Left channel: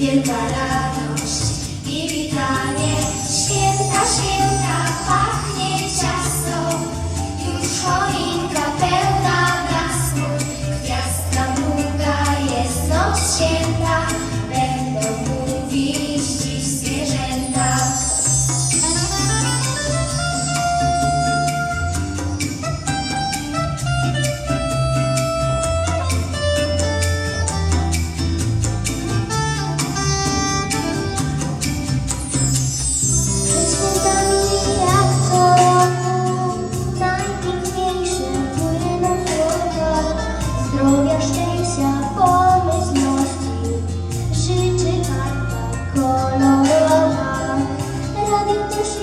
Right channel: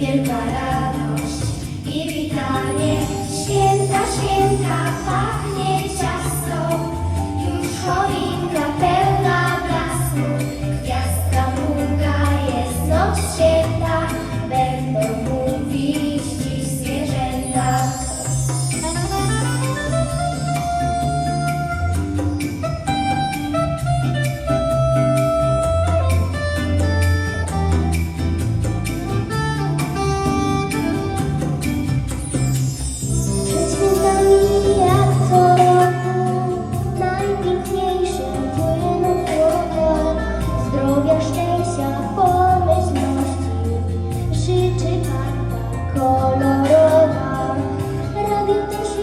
piel parada.